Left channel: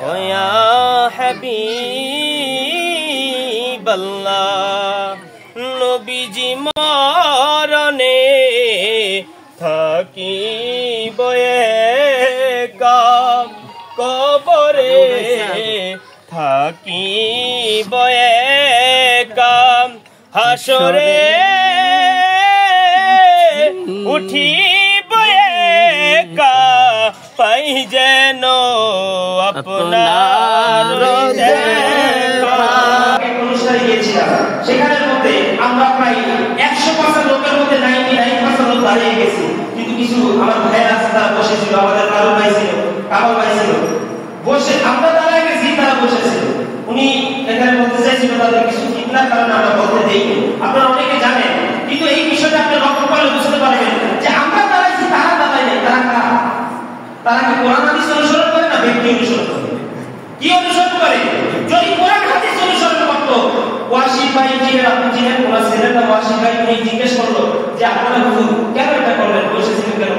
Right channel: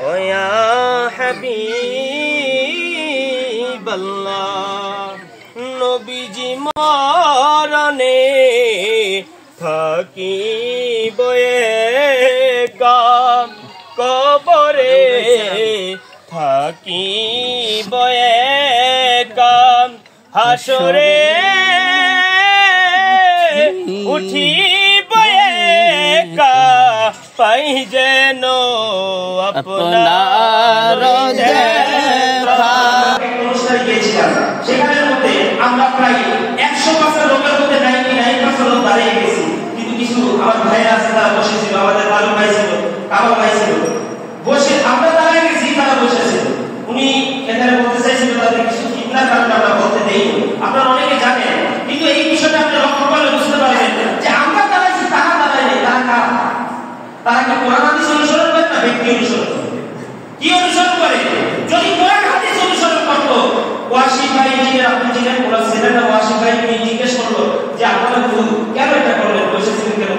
ইয়া হাবিবাল্লাহ নবীজি মরণে থাকিব একা কবরে থাকিব একা হাসরে উঠিব একা পাই যেন আপনার দেখা। অনুষ্ঠানে গিয়েছিলাম, সেখানের মধ্যে আমরা প্রায় 100% লোকের মধ্যে 99% লোক দাঁড়িয়ে গেছি, কিন্তু কিছু আমার ভাইয়েরা আছে তারা বসেছিল, আমাদের মালুম ভাই ছিল, কামাল ভাই ছিল, বসে আমরা দাঁড়িয়ে গেছি, তারা বসেছিল। উনি এখানে বলতে চাইছিল তাদের কিছু কিবলার কারণে আমরা বলতে দেই, আপনারা অনেকে জানেন, কিন্তু এই বিষয়টা আপনি লক্ষ্য করলে বুঝতে পারবেন যে আমরা দাঁড়াইছি, তারা দাঁড়ায় নাই, তারা কারা? তারা কি কোরআন হাদিস অনুসরণ করে না ব্যক্তি অনুসরণ করে? কি অনুসরণ করে? যদি কোরআন হাদিস অনুসরণ করতো, ওয়াসি ভাই যে আপনি যিনি কোরআন ছেলেটা ওয়াসি ভাই নিয়ে জিজ্ঞেস করলো যে আপনারা হুজুর কেন এটা করলেন, বসেছিলেন কেন,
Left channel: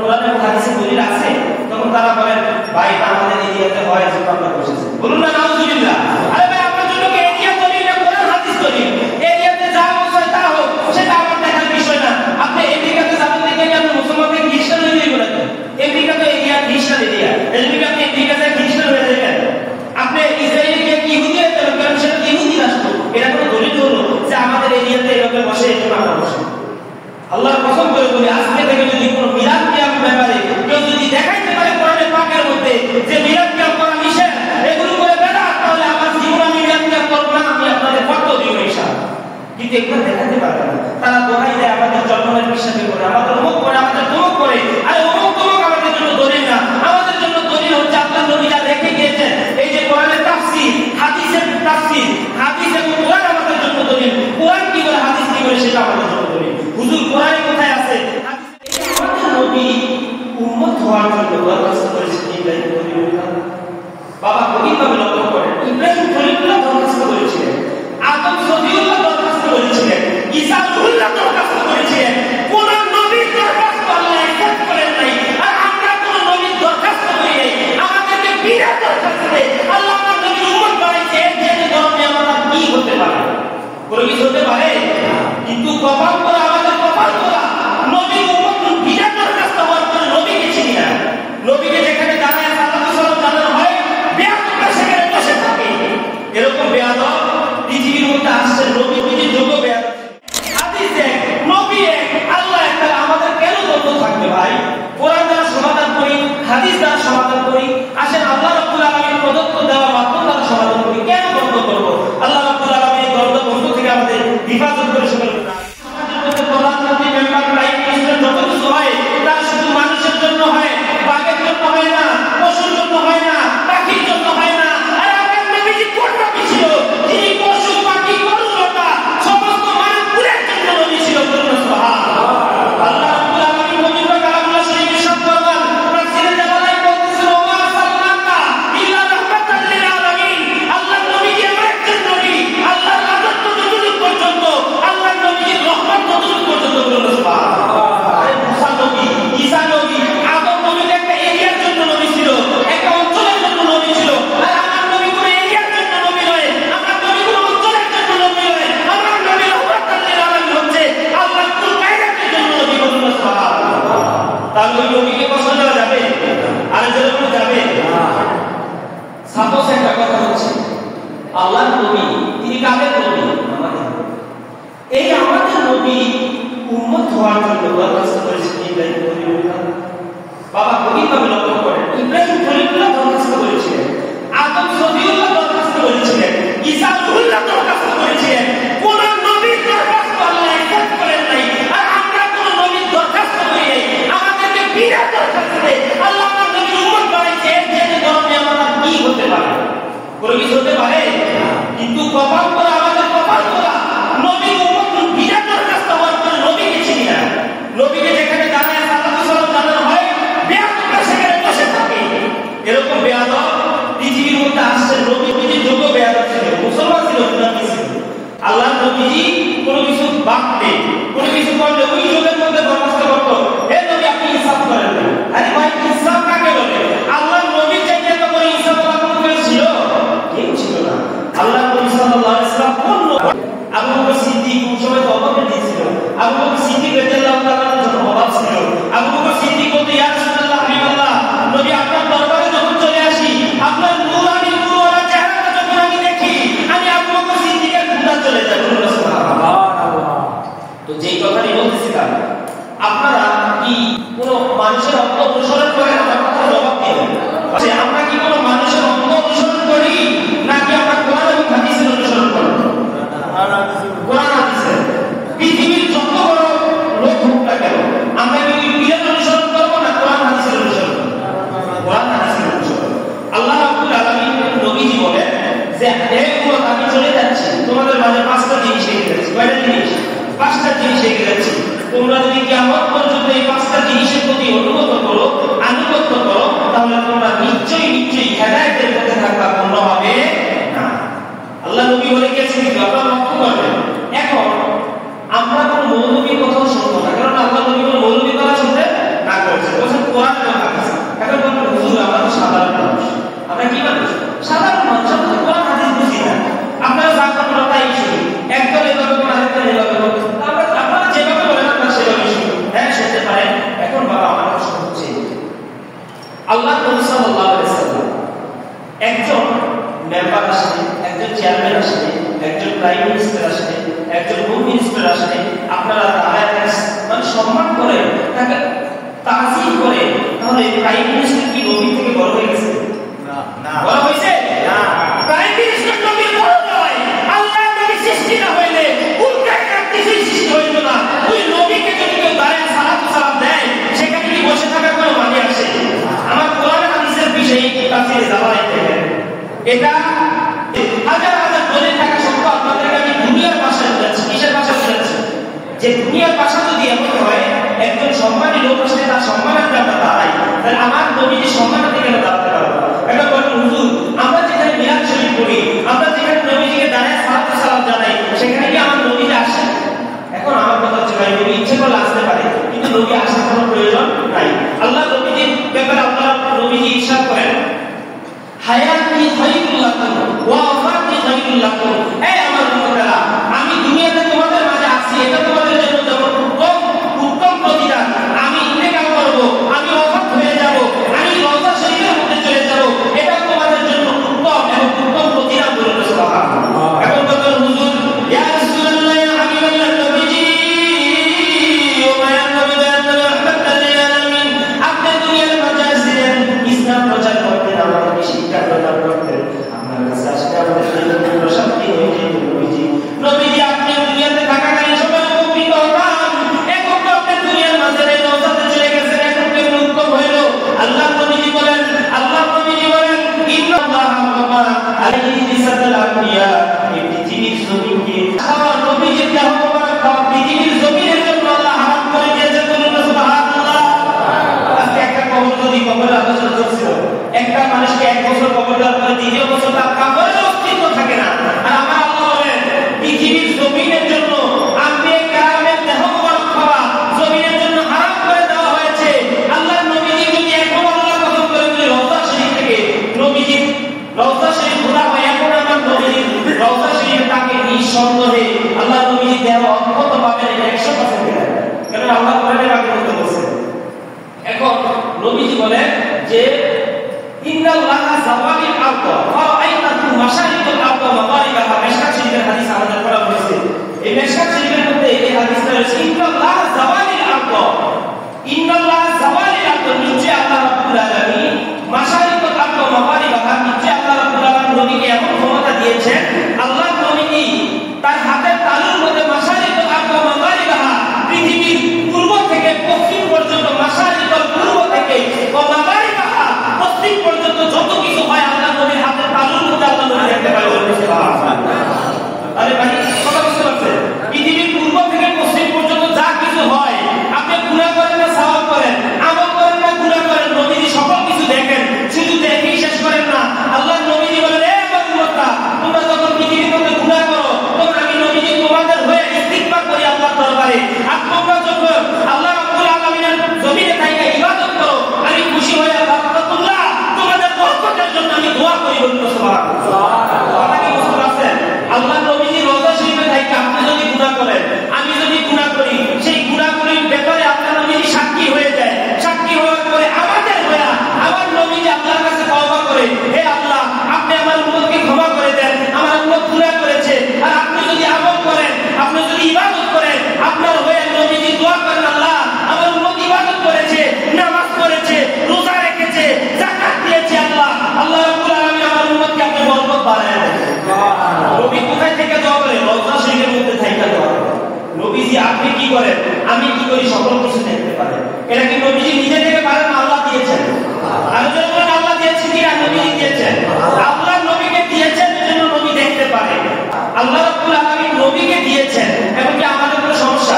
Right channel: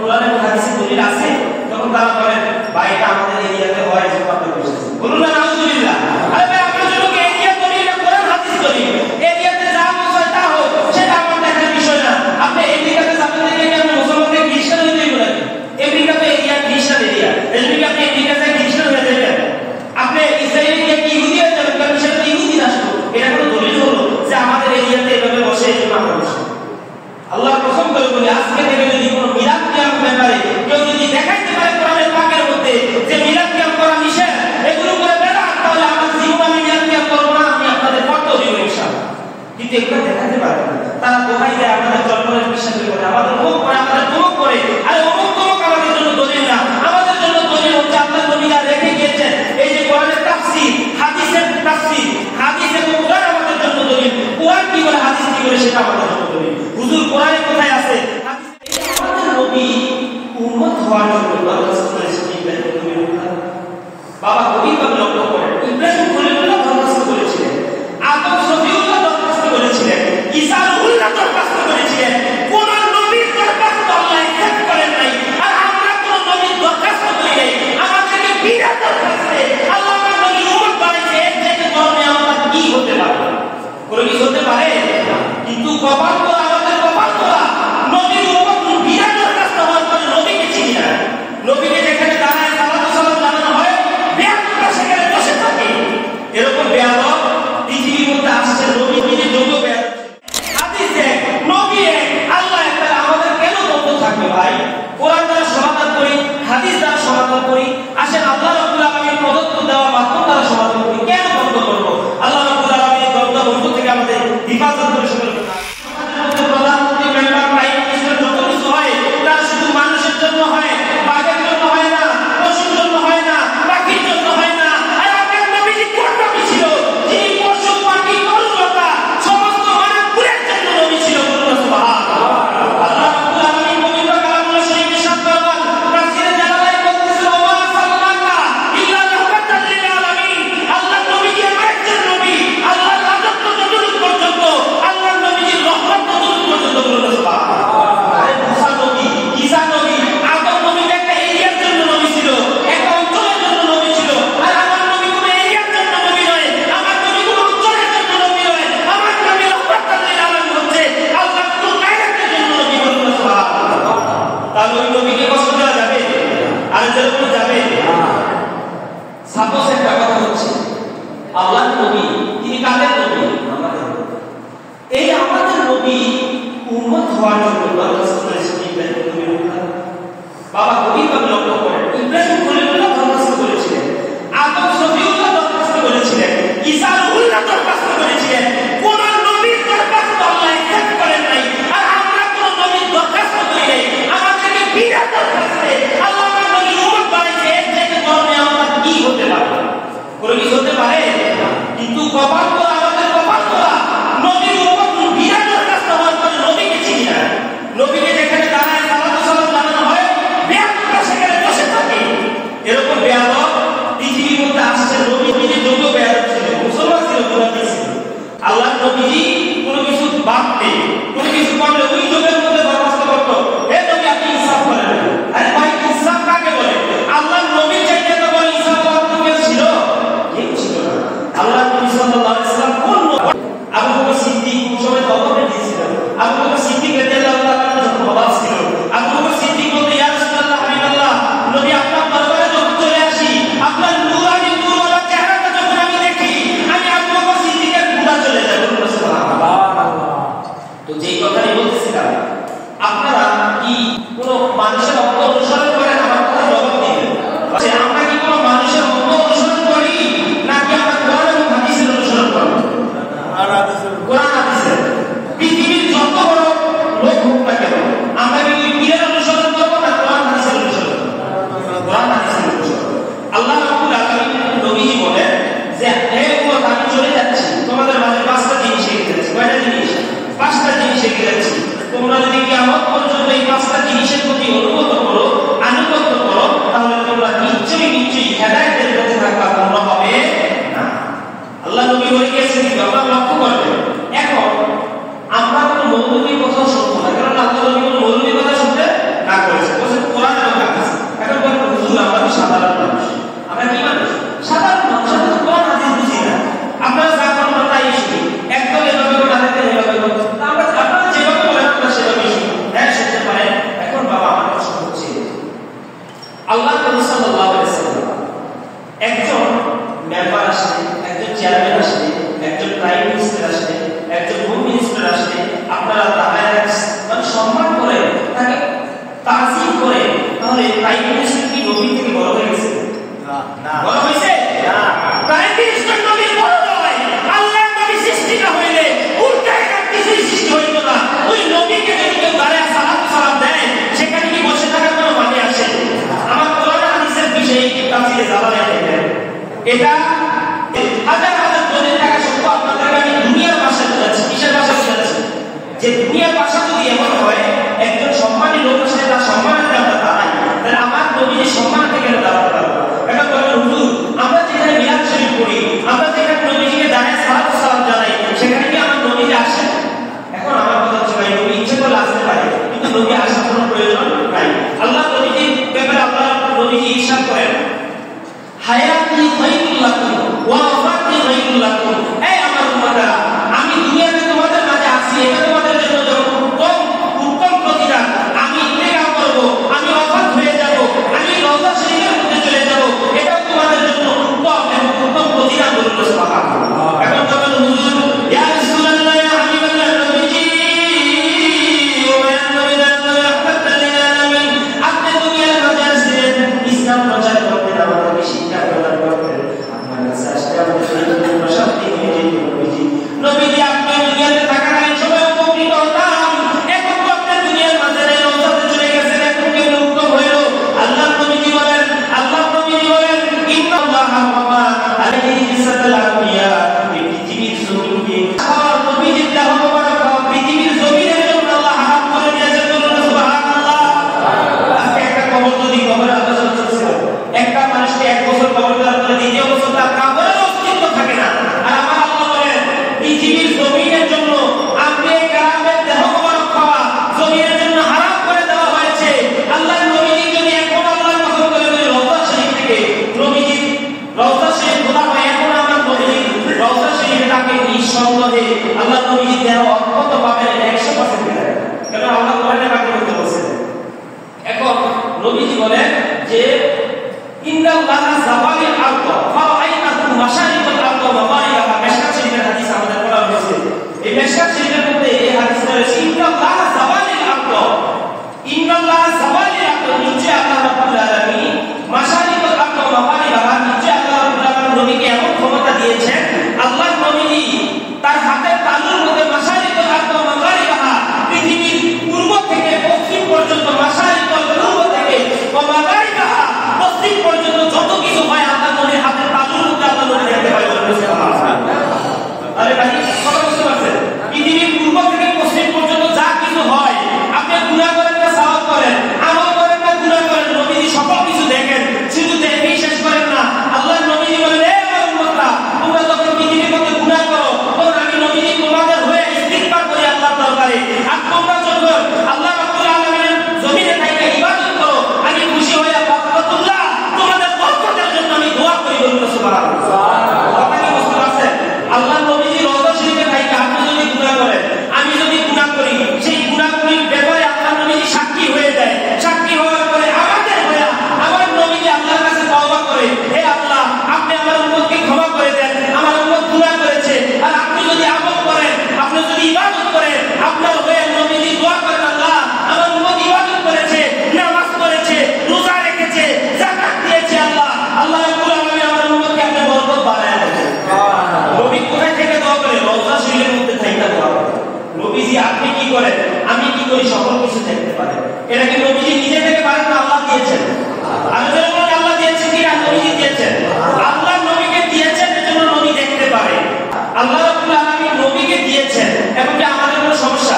কোরআন এবং হাদিসে দলিল আছে? তখন তারা বলেন ভাই এটা আমাদের এরিয়াতে হয় যে আপনারা বসেছেন। বলুন না নাউজুবিল্লাহ। আরে ভাই আপনার জন্য কি এরিয়া দলিল না কোরআন হাদিস দলিল? এরিয়াতে যা হয় তা হোক, সেটা আমার দেখার বিষয় না। আপনি আমেরিকাতে যাবেন দেখে কি আপনি মুসলমানকে খ্রিস্টান হয়ে যাবেন? আমেরিকা তো এরিয়া খ্রিস্টান এরিয়া, এজন্য কি আপনি আমেরিকা যায় খ্রিস্টান হয়ে যাবেন? আপনি ইসরায়েলে গিয়ে কি ইহুদি হয়ে যাবেন? কারণ সেটা ইহুদি রাষ্ট্র। এটা কোনো দলিল হলো যে আমাদের এরিয়াতে এভাবে বসে এই জন্য আমরা বসে? আল্লাহর কসম করে বলি, আজকে থেকে যদি কোনো মিলাদ কিয়াম ব্যাপারে কেউ যদি দেখাইতে পারে কোরআনের পাকের মধ্যে যে মিলাদ কিয়াম করা নিষেধ, এগুলো করে বেদাত, তাহলে আমার জীবন আমি মিলাদ কিয়াম করবো না, আমি আপনাদের ফতোয়া দিব ইনশাআল্লাহ। কিন্তু এগুলো দেখাতে পারবে না, তারা দোহাই দেয় আমাদের জন্মের বিশ্বাসী করে, আমাদের মুখ করে, আমাদের তমুক করে। আরে অমুক তমুক আমাদের জন্য দলিল না, আমাদের জন্য দলিল হচ্ছে আল্লাহ নবীরা রেখে গিয়েছেন এই যে কোরআনের তাফসীর, হাদিসের তাফসীর, হাদিস এবং কোরআন আমাদের জন্য দলিল। কোরআন কি বলে, হাদিস কি বলে, সেটা আমাদের জন্য দলিল। হুজুর কোরআনে কোথায় আছে? হাদিসে। আমাদের নবী উম্মত হওয়ার জন্য দরখাস্ত করেছেন ইব্রাহিম খলিলুল্লাহ। বাবা গভীরভাবে লক্ষ্য করেন, ইব্রাহিম খলিলুল্লাহ দরখাস্ত করেছিলেন, আদম সফিউল্লাহ দরখাস্ত করেছিলেন, ঈসা রুহুল্লাহ দরখাস্ত করেছিলেন। কোন নবীর দরখাস্ত আল্লাহ একসেপ্ট করেন নাই, আর আমরা কোন নবীর দরখাস্ত করি নাই। আমাদেরকে বিনা দরখাস্তে আল্লাহ তাআলা নবী উম্মত বানাইছে, এর থেকে বড় নিয়ামত আর কি হতে পারে? কোনো কিছু হতে পারে? কিন্তু কপাল করা, আমাদের কপাল করা, নবীর উম্মত বিনা দরখাস্ত হওয়ার পরে নবীকে চিনি না। নবীকে যেখানে দাঁড়ায় সালাতু সালাম জানানো হয়, বেয়াদবরা সেখানে বসে থাকে। এরকম বেয়াদব পৃথিবীর মধ্যে আসছে, নবী নিজে যোগ্য বেয়াদব। হাদিস এক, নবী এক, আল্লাহ এক, তাহলে আমাদের কেন দ্বন্দ্ব থাকবে ভাই? কোরআন দ্বারা সমাধান করি, হাদিস দ্বারা সমাধান করি, আসেন আল্লাহ রাব্বুল আলামিন প্রদত্ত দেওয়া মাধ্যম দ্বারা সমাধান করি। কেন দ্বন্দ্ব করবো? আল্লাহ রাব্বুল আলামিন দ্বন্দ্ব বন্ধু থেকে আমাদের হিফাজত করে সকল প্রধানমন্ত্রী, মেম্বার, প্রাইম মিনিস্টার যত কিছু হয় তারা শুধু মানুষের জন্য হয়, বাঘের জন্য হয় না, পশুর জন্য হয় না, পাখির জন্য হয় না। আর আপনার নবীজি কোন নবী ছিল? যিনি পশু, পাখি, গরু, লতা সমস্ত মানবকুলের জন্য নবী ছিল। সুবহানাল্লাহ। আল্লাহ রাব্বুল আলামিন পবিত্র কালামুল্লাহ শরীফে সাত ফরমান, তাফসীরে জালালাইন বলতেছেন, ওয়া সাল্লাল্লাহু ইল্লা রাহমাতাল লিল আলামিন। আল্লাহর নবীজি এমন একজন নবী, আল্লাহর রাজত্ব যতটুকু পর্যন্ত, আল্লাহর নবীজির রহমত ততটুকু পর্যন্ত। বলুন সুবহানাল্লাহ। আরে মুসা নবী, ঈসা নবী, আদম নবী একটা এরিয়ার জন্য নবী ছিল, একটা অঞ্চলের জন্য নবী ছিল। আর আমার নবী কোনো এরিয়ার জন্য নবী নয়, আমার নবী কোনো অঞ্চলের জন্য নবী নয়, আমার নবী রাহমাতাল লিল আলামিন হচ্ছে আল্লাহর কুল কায়নাতের জন্য নবী। বলুন সুবহানাল্লাহ। তাহলে ওই নবীকে কষ্ট দেওয়া যাবে? আর যেরকম যাবে। সাপোজ একটা কথা হচ্ছে, আল্লাহর নবী তিনি কাদের নবী? এই আমাদের নবী উম্মত হওয়ার জন্য দরখাস্ত করেছেন ইব্রাহিম খলিলুল্লাহ। বাবা গভীরভাবে লক্ষ্য করেন, ইব্রাহিম খলিলুল্লাহ দরখাস্ত করেছিলেন, আদম সফিউল্লাহ দরখাস্ত করেছিলেন, ঈসা রুহুল্লাহ দরখাস্ত করেছিলেন। কোন নবীর দরখাস্ত আল্লাহ একসেপ্ট করেন নাই, আর আমরা কোন নবীর দরখাস্ত করি নাই। আমাদেরকে বিনা দরখাস্তে আল্লাহ তাআলা নবী উম্মত বানাইছে, এর থেকে বড় নিয়ামত আর কি হতে পারে? কোনো কিছু হতে পারে? কিন্তু কপাল করা, আমাদের কপাল করা, নবীর উম্মত বিনা দরখাস্ত হওয়ার পরে নবীকে চিনি না। নবীকে যেখানে দাঁড়ায় সালাতু সালাম জানানো হয়, বেয়াদবরা সেখানে বসে থাকে। এরকম বেয়াদব পৃথিবীর মধ্যে আসছে, নবী নিজে যোগ্য বেয়াদব ছিল, মুসলমান ছিল, মুনাফিক ছিল। আল্লাহর নবীজি কোনো কিছু বাদ নেই, কোনো কিছু করলে ওই যুগের মধ্যে দরখাস্ত করতো, হে নবী আপনি ইনসাফ করেন। আরে ভাই ইনসাফ কাকে বলে? আল্লাহর নবীর চাইতে তো বড় ইনসাফ যেই কথাটি বলতেছিলাম, আপনারা কি কোনো মানুষের অঙ্গ অনুসরণ করেন? আমার কথা জবাব দিন। আমরা কি কোনো মানুষের অঙ্গ অনুসরণ করি, নাকি আমরা কোরআন এবং হাদিসের অনুসরণ করি? কোরআন হাদিসের। পৃথিবীর যত বড় লোক হোক না কেন, আমরা কি পীরের অনুসরণ করবো না কোরআন হাদিসের অনুসরণ করবো? কোরআন হাদিসের অনুসরণ। আল্লাহ রাব্বুল আলামিন নবীজি বলেন যে হে উম্মত, আমি চলে যাচ্ছি, তোমাদের মাঝে 5টা জিনিস রেখে যাচ্ছি। কয়টা জিনিস? 5টা জিনিস রেখে যাচ্ছি। তোমরা যদি কিয়ামত পর্যন্ত এই 5টা জিনিসের প্রতি অনুগত করো, আনুগত্য করো, তাহলে তোমরা নিশ্চয়ই হেদায়েতের পথে থাকবা, তোমরা হবে না। আল্লাহ নবী বলে গিয়েছেন, আপনারা লক্ষ্য করবেন। এখন আমরা কোনো মৌলবীর কথা শুনবো না, কারণ আল্লাহ নবী কোনো মৌলবীর কথা শুনতে না করেছেন, বলছেন কোরআন এবং হাদিস। এখন বলুন হুজুর, আমরা তো সাধারণ মানুষ। আমরা কি মানুষ? সাধারণ মানুষ। আমরা তো কোরআন হাদিস বুঝি না। আপনারা যা করেন আমরা তাই শুনি। একদল এভাবে বলে, আরেকদল এভাবে বলে। আপনারা যেভাবে বলেন আপনারা সেভাবে শুনি। হ্যাঁ, শুনতে পারেন। এখন বাবা, আমার প্রশ্ন হচ্ছে, আল্লাহ নবী সাল্লাল্লাহু আলাইহি ওয়াসাল্লাম একজন মেম্বার আসলে, একজন চেয়ারম্যান আসলে, একজন প্রাইম মিনিস্টার আসলে, একজন হোম মিনিস্টার আসলে, আপনারা তাকে মানে সম্মান করে, তাকে তাজিম করে, তাহলে প্রাইম মিনিস্টার কি নবী থেকে বড় হয়ে গেছে? বড় হয়েছে? প্রাইম মিনিস্টার নবীর বড় নয়। আল্লাহ নবী সৃষ্টি না হইলে উল্টায় কিছুই সৃষ্টি হইত না। ওই নবীকে যদি কেউ দাঁড়ায় সালাম দেয়, সেখানে কি বসে থাকার কোনো মানে আছে? আমার কোরআন হাদিসের বিষয়ে কি তাফসীরে জালালাইন দেখেন, এটা হাজার হাজার দলিল থাকা সত্ত্বেও আপনাদেরকে আমি দুনিয়ার ভাষা বোঝাচ্ছি। কিসের ভাষা বোঝাচ্ছি? যে দুনিয়ার ভাষা যদি এমন হয়, একজন সম্মানী লোক আসলে তার সম্মানার্থে আমরা দাঁড়াই, তাহলে আমার নবীর সম্মানার্থে কেন দাঁড়াতে পারবো না? একটা বলবেন হুজুর, আমরা যেখানে মিলাদ শরীফ পড়ি, আমরা যেখানে নবীজিকে দাঁড়ায় সালাম জানাই, সেখানে কি আমার নবীজি আসে? এখন আমার কথা হচ্ছে, ভাই, নবী ইচ্ছে করলে আসতে পারে, কিন্তু নবী আসার কোনো প্রয়োজন নাই। আল্লাহ নবীজির ব্যাপারে আপনারা নবীজি ইরশাদ করেন, হায়াতি খায়রুল লাকুম ওয়া ওয়াফাতি খায়রুল লাকুম। এই আমার উম্মতেরা, আমি দুনিয়াতে তোমাদের মাঝে আছি, এটা তোমাদের জন্য যেমন উত্তম প্রতিদান। আমি ইন্তেকাল করব, আমি ওফাত হয়ে যাব, আমি রওজা শরীফের মধ্যে চলে যাব, এটা তোমাদের জন্য উত্তম এবং উত্তম প্রতিদান। বলুন সুবহানাল্লাহ। এখন বলেন হুজুর, ইয়া রাসূলুল্লাহ, ইয়া হাবিবাল্লাহ, নবীজি ও মায়া নবীরা রাহমাতুল লিল আলামিন, আপনি দুনিয়ার মাঝে আসছিলেন ইসলাম প্রচার করতে, আমাদেরকে শিক্ষা প্রদান করতে। আপনার কাছে আসতে আমাদের প্রশান্তি হয়েছে। নবীজি, আপনি দুনিয়াতে থাকাকালীন সবাই উপকৃত হতাম। এখন তো আপনি দুনিয়ার মাঝে নেই, রওজাতে চলে গেছেন, এখন কেমন উত্তম হইল? আল্লাহ নবীজি বলেন, ইন্নাল্লাহা ওয়া আলাইহি বিসাদাল আম্বিয়া, এই পৃথিবীর জমিনকে আমার নবীজির দেহ মোবারক পৃথিবীর জমিনের জন্য আল্লাহ হারাম করে দিয়েছেন। বলুন সুবহানাল্লাহ। আজকে একটা কবর যদি কবরের আলোচনা চলছিল, একটা মানুষকে 1 বছর কবর দেওয়ার পরে দ্বিতীয় বছর তার কবরের অস্তিত্ব থাকে না। আর আমার আল্লাহ বলেন, পৃথিবীর জমিনের জন্য আম্বিয়া কেরামের দেহ মোবারক খাওয়া জমিনের জন্য হারাম করে দেওয়া হয়েছে। আল্লাহ নবীজি যদি এখন আল্লাহর কসম করে যদি রওজা শরীফ থেকে নবীজি রওজা শরীফ খোলা হয়, এখন আমার নবীজি রওজা শরীফ তাকে নিঃসন্দেহে আল্লাহ নবীজি দেহ অক্ষত পাবেন, 100% মিলে। কেন? আল্লাহ কোরআনে বাক্যের মধ্যে বলেছেন। এখন নবীজি বলেন যে ইন্নাল্লাহা যাওয়ালিল আরদ ফারাআইতাকুম মাশারিকাল আরদ ওয়া মাগারিবাহা। মিশকাত শরীফের হাদিস আমাদের পড়া হয়েছে। এই মিশকাত শরীফের মধ্যে এই হাদিসটা রয়েছে, ইন্নাল্লাহা যাওয়ালিল আরদ, ইন্নাল্লাহা যাওয়ালিল আরদ, নিশ্চয় আল্লাহ রাব্বুল আলামিন মাশারিকাল আরদ ওয়া মাগারিবাহা, নিশ্চয় আল্লাহ রাব্বুল আলামিন নবীকে এমন ক্ষমতা দিয়েছেন, আল্লাহ নবীজি তার হাতের তালুর মধ্যে মাশারিকাল আরদ ওয়া মাগারিবাহা, পৃথিবীর পূর্ব থেকে পশ্চিম পর্যন্ত, মাশারিকাল পূর্ব থেকে ওয়া মাগারিবাহা পশ্চিম পর্যন্ত যত কিছু হয় আল্লাহ নবীর হাতের তালুর মধ্যে আল্লাহ নবী দেখতে পায়। আরে ভাই, কথা বুঝতে পারছেন? পৃথিবীর পূর্ব থেকে পশ্চিম পর্যন্ত যা কিছু হয়, আপনি গুনাহ করেন না সওয়াব করেন, আমল করেন না গুনাহ করেন, নবীজি সকল কিছু দেখেন। শুধু দেখেই শেষ করেন না। আল্লাহ নবীজি বলেন, এ আমার উম্মতরা, তোমরা যখন পৃথিবীর মধ্যে গুনাহ করো, তখন আমি নবীজি তোমাদের হয়ে ইস্তিগফার করি আল্লাহর দরবারে। আর তোমরা যখন আল্লাহ রাব্বুল আলামিনের জমিনে থাইকা ইবাদত করো, আমি খুশি হয়ে আল্লাহ তোমাদের বরকতের জন্য আমি দোয়া করি। বলুন সুবহানাল্লাহ। কথা কি বুঝতে পারছেন? আল্লাহ নবীজি রওজা শরীফে থাইকা আপনি যদি গুনাহ করেন, আমি যদি গুনাহ করি, সেই গুনাহগুলির ব্যাপারে আল্লাহ নবীজি সাক্ষী হয়ে যায়। সাক্ষী হওয়ার পরে আমাদের হয়া আমার নবীজি আল্লাহর কাছে তওবা করে, হে আল্লাহ, আপনি আমার উম্মতকে ক্ষমা করে দেন, আমার উম্মত গুনাহ করেছে। আর আপনি যদি আমল করেন, আপনি যদি ইবাদত করেন, আপনার হয়ে নবীজি আপনি কি করেন, আমি কি করি, সকল কিছু দেখতে পারেন। এটা কি নবীজি নিজে থেকে পারেন না আল্লাহ দিয়েছেন? আমি যদি বলেন আল্লাহ দিয়েছেন কি নবীজি দিয়েছেন? আল্লাহ নবীকে দিয়েছেন, এজন্য নবী দেখতে পারে। আল্লাহ রাব্বুল আলামিন নবীকে দিয়েছেন, এবং কি আমাদের কোনো সমস্যা?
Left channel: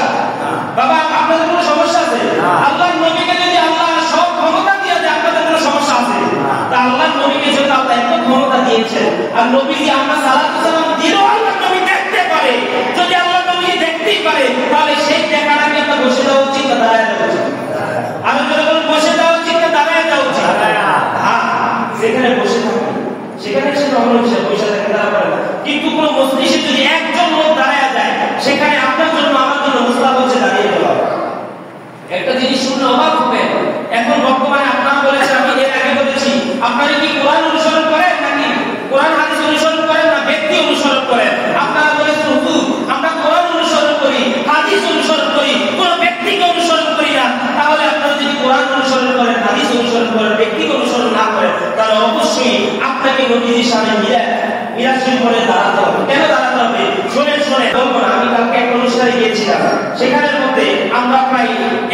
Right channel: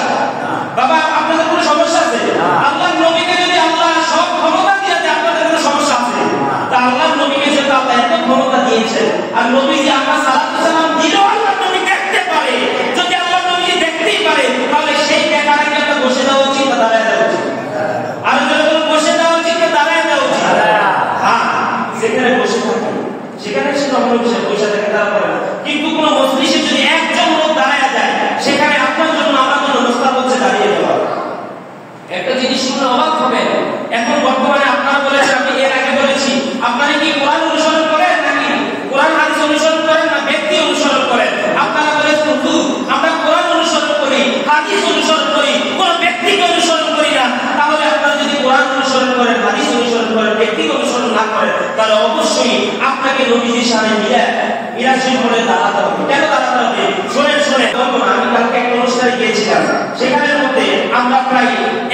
বাবা আপনাদের কোনো সমস্যা আছে? আল্লাহ নবীকে যদি আল্লাহ সব ক্ষমতা দিয়ে দেয়, আপনাদের কোনো সমস্যা আছে? তা আল্লাহ নবীকে যেহেতু আল্লাহ এত ক্ষমতা দিয়েছেন, আর নবীজি আমরা সালাত সালাম দিলেও আল্লাহ নবী দেখতে পারে। যদি আল্লাহ নবী দেখতেই পারে, তাহলে সেই দেখার আগে একটা বসে দেওয়া উচিত না দাঁড়ায় দেওয়া উচিত? আর যদি বলেন বসে দেওয়া উচিত না দাঁড়ায় দেওয়া উচিত? হ্যাঁ, যেখানে বসে থাকে সেখানে সে নমন হিসেবে বসে থাকে, তারা পারে না। কিন্তু কোনো মজলিসে যদি একজন লোক দাঁড়ায় যায়, সেখানে আপনার জন্য আমার জন্য মুস্তাহাব হচ্ছে দাঁড়িয়ে যাওয়া। একটা জিনিস শুনে অবাক হবে, এখন বর্তমানে আপনারা বলেছেন, আমি এর আগে বলেছি, আপনারা কি কোরআন অনুসরণ করেন নাকি কোরআন হাদিস অনুসরণ করেন না ব্যক্তি অনুসরণ করেন? আপনারা বলেছেন হুজুর আমরা কোরআন অনুসরণ করি, হাদিস অনুসরণ করি, কোন ব্যক্তিকে অনুসরণ করি না। তাহলে আপনারা যদি কোরআন অনুসরণ করেন, হাদিস অনুসরণ করেন, ব্যক্তিকে অনুসরণ না করেন, তাহলে অবশ্যই আপনাকে নবীজির সামনে মিরাজের পরে দাঁড়াতে হবে। কেন দাঁড়াতে হবে? শোনেন আমি কালকে এক অনুষ্ঠানে গিয়েছিলাম, সেখানের মধ্যে আমরা প্রায়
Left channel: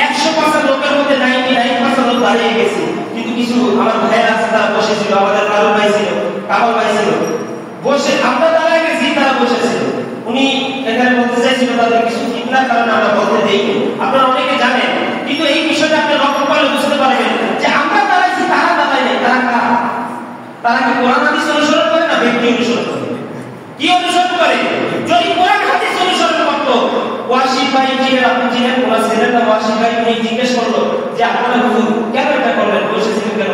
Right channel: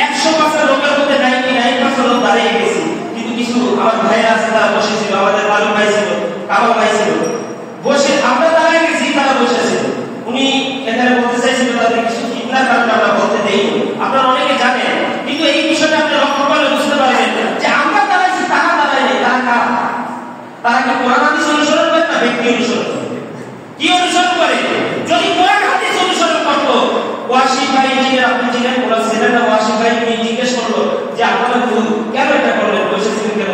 100% লোকের মধ্যে 99% লোক দাঁড়িয়ে গেছি, কিন্তু কিছু আমার ভাইয়েরা আছে তারা বসেছিল, আমাদের কালু ভাই ছিল, কামাল ভাই ছিল, বসে আমরা দাঁড়িয়ে গেছি, তারা বসেছে। উনি এখানে বলতে চাইছিল তাদের কিছু চিন্তার কারণে আমরা বলতে দেইনি, আপনারা অনেকে জানেন। কিন্তু এই বিষয়টা আপনি লক্ষ্য করলে বুঝতে পারবেন যে আমরা দাঁড়াইছি, তারা দাঁড়ায় নেই। তারা কারা? তারা কি কোরআন হাদিস অনুসরণ করে না ব্যক্তি অনুসরণ করে? কি অনুসরণ করে? যদি কোরআন হাদিস অনুসরণ করতো, ওয়াসিফ ভাই যে আপনি চিনেন, কোরআন ছেলেটা ওয়াসিফ ভাই তিনি জিজ্ঞেস করলো যে আপনারা কেন এটা করলেন, বসেছিলেন কেন,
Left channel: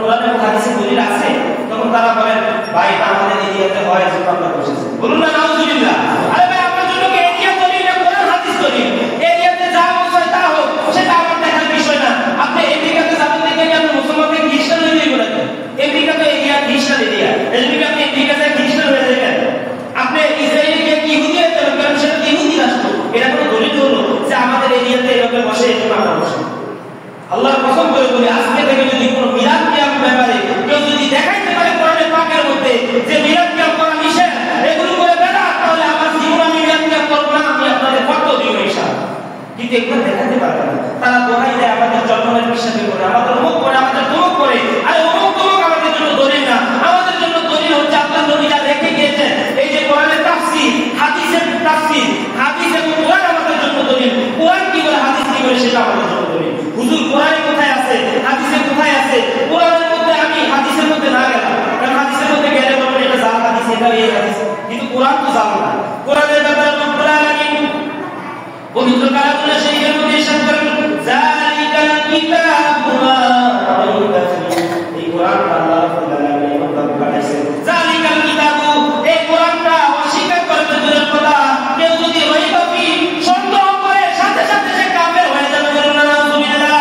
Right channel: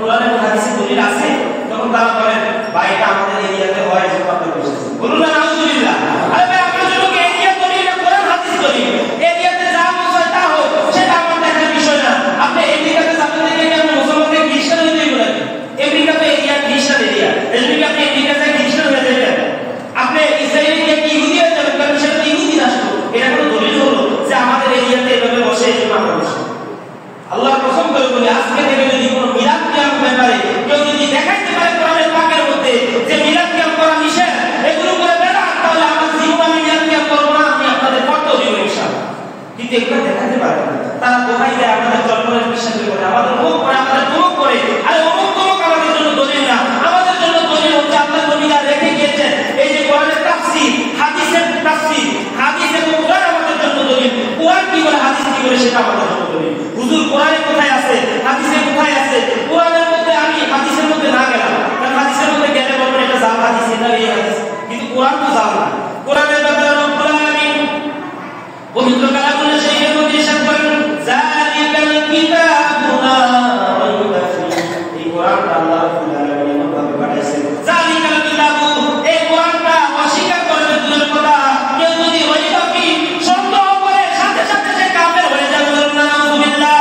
কোরআন এবং হাদিসে দলিল আছে? তখন তারা বলেন ভাই এটা আমাদের এরিয়াতে হয়, যে আপনারা বসেছেন। বলুন না নাউজুবিল্লাহ। আরে ভাই আপনার জন্য কি এরিয়া দলিল না কোরআন হাদিস দলিল? এরিয়াতে যা হয় তা হোক, সেটা আমার দেখার বিষয় না। আপনি আমেরিকাতে যাবেন দেখে কি আপনি মুসলমানকে খ্রিস্টান হয়ে যাবেন নাকি? আমেরিকা তো এরিয়া খ্রিস্টান এরিয়া, এজন্য কি আপনি আমেরিকা যায় খ্রিস্টান হয়ে যাবেন? আপনি ইসরায়েলে গিয়ে কি ইহুদি হয়ে যাবেন, কারণ সেটা ইহুদি রাষ্ট্র। এটা কোনো দলিল হলো যে আমাদের এরিয়াতে এভাবে বসে, এই জন্য আমরা বসে? আল্লাহর কসম করে বলি, আজকে থেকে যদি কোনো মিলাদ কিয়াম ব্যাপারে কেউ যদি দেখাইতে পারে কোরআনের পাকের মধ্যে যে মিলাদ কিয়াম করা নিষেধ, এগুলো করে বেড়ান, তাহলে আমার জীবন আমি মিলাদ কিয়াম করবো না, আমি আপনাদের ফটো দিব ইনশাআল্লাহ। কিন্তু এগুলো দেখাতে পারে না, তারা দোহাই দেয় আমাদের জন্মের বিশ্বাস করে, আমাদের মুখ করে, আমাদের তমুক করে। আরে অমুক তমুক আমাদের জন্য দলিল না, আমাদের জন্য দলিল হচ্ছে আল্লাহ নবী যা রেখে গিয়েছেন। এই যে কোরআনের তাফসীর, হাদিসের তাফসীর, হাদিস এবং কোরআন আমাদের জন্য দলিল। কোরআন কি বলে, হাদিস কি বলে, সেটা আমাদের জন্য দলিল। হুজুর কোরআনে কোথায় আছে, হাদিসে কোথায় আছে? কোরআনের মধ্যে আমি হাদিসের মধ্যে না গেলাম, কারণ হাদিসের মধ্যে গেলে বলবেন এটা জাল হাদিস, এটা এই হাদিস, কিন্তু কোরআন তো জাল না। কোরআনের ব্যাপারে রব্বুল আলামিন পবিত্র কালামুল শরীফের মধ্যে ইরশাদ করেন যালিকাল কিতাবু লা রাইবা ফীহি। এই কোরআনটা আল্লাহ রাব্বুল আলামিন আমাদের পাঠাইছেন। যালিকাল কিতাবু, এই কোরআনটা অস্বীকার করবে দূরের কথা, কেউ যদি রাইবা ফীহি সন্দেহ করে, সাথে সাথে সে কাফের হয়ে যাবে। নাউযুবিল্লাহ।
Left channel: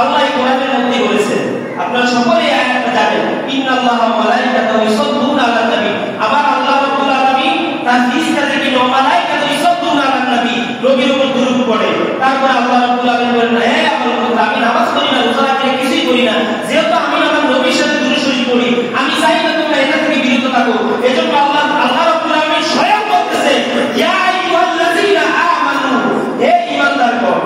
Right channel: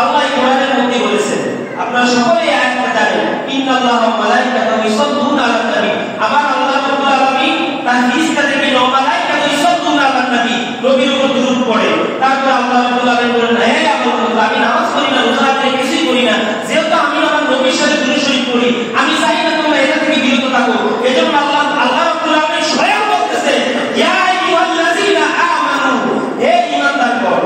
আল্লাহ এই কোরআনের মধ্যে বলেছেন, আপনারা সকলে এই আয়াতটা জানেন, ইন্নাল্লাহা ওয়া মালাইকাতাহু ইউসাল্লুনা আলান নবী। আবার আল্লাহ রাব্বুল আলামিন তার ফেরেশতাদেরকে মালাইকাতু ইউসাল্লুনা আলান নবী, নবীর উপর দুরূদ পড়ে। তারপর আল্লাহ রাব্বুল আলামিন বলেন, হে আমার বান্দা, আমি নামাজ পড়ি না, রোজা রাখি না, কিছুই করি না, যেহেতু আমি আমার নবীর সাথে দুরূদ শরীফ পড়ি, আমি চাই না তোমরা এটা থেকে বিরত থাকো। এজন্য আল্লাহ রাব্বুল আলামিন স্বয়ং বলতেছে, ইয়া আইয়ুহাল্লাযীনা আমানু, হে ঈমানদারগণ,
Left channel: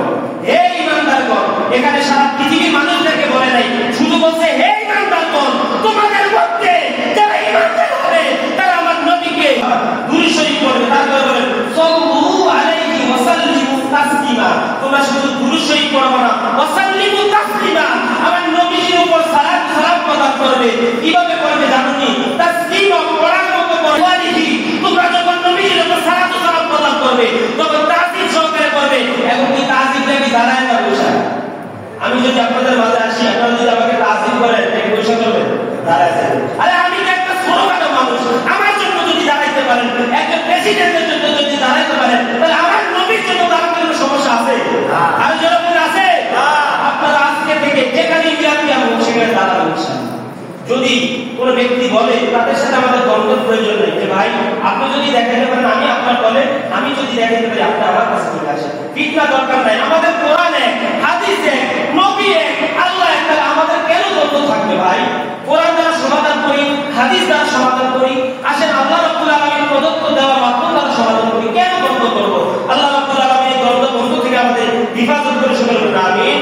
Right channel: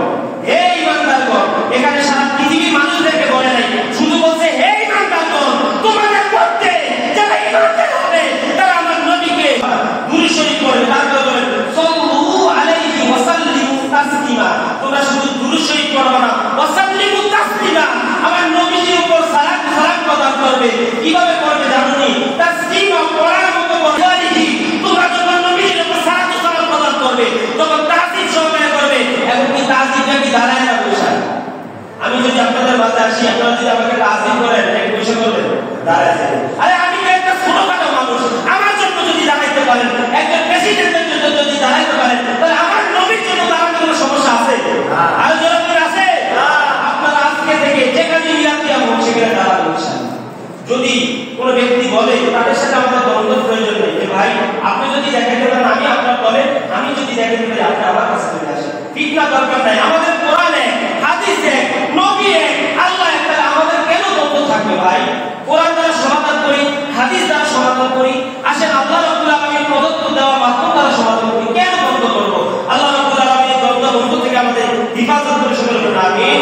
হে ঈমানদারগণ। এখানে সারা পৃথিবীর মানুষদেরকে বলে নাই, শুধু বলছে হে ঈমানদারগণ, তোমাদের মধ্যে যারা ঈমানদার হবে তারা আমার নবীকে দুরূদ শরীফ পড়বে। তারপর বলেন সাল্লু আলাইহি ওয়া সাল্লিমু তাসলিমা। তোমরা শুধু দুরূদ শরীফ পড়বে না, ওয়া সাল্লিমু তাসলিমা, আমার নবীর উপর সালাত প্রদান করবে। কিভাবে করবে জানেননি? তাসলিমা পড়ার মতো পড়ালিহি। তোমরা যখন নবীর উপর সালাত প্রদান করবে তখন তাজিম সহকারে করবে, এবং কি তাজিমটা কি দাঁড়ায় না বসায়? আমি যদি আপনাদের মাঝে আসি, আপনারা যদি আমাকে তাজিম করেন, এক পয়সা করবেন, দাঁড়ায় যাবেন। আরে আমি তো একটা ছোটখাটো মানুষ, আমার জন্য যদি দাঁড়াইতে পারেন, একজন প্রেসিডেন্টের জন্য যদি দাঁড়াইতে পারেন, তাহলে আমার নবীর জন্য দাঁড়াতে কোনো সমস্যা আছে? আর যেরকম আছে, আপনারা আজকে থেকে যেখানে মিলাদ কিয়াম হোক সেখানে দাঁড়াবেন ইনশাআল্লাহ। যদি কোন ব্যক্তি বলে, তাদের সাথে আমাদের দ্বন্দ্ব প্রয়োজন নেই, যে ভাই আপনি যদি দেখাইতে পারেন আমি আপনার দলে, আমি যদি দেখাইতে পারি আপনি আমার কাছে চলে আসেন, ফিতনা দরকার নাই। আমাদের কোরআনে, হাদিসে, নবী এক, আল্লাহ এক, তাহলে আমাদের কেন দ্বন্দ্ব থাকবে ভাই? কোরআন দ্বারা সমাধান করি, হাদিস দ্বারা সমাধান করি। আসেন আল্লাহ রাব্বুল আলামিন প্রদত্ত দেওয়া মাধ্যম দ্বারা সমাধান করি। কেন বন্ধ করবো? আল্লাহ রাব্বুল আলামিন দ্বন্দ্ব বন্ধ থেকে আমাদের হিফাজত করে সকলে বলুন আমিন।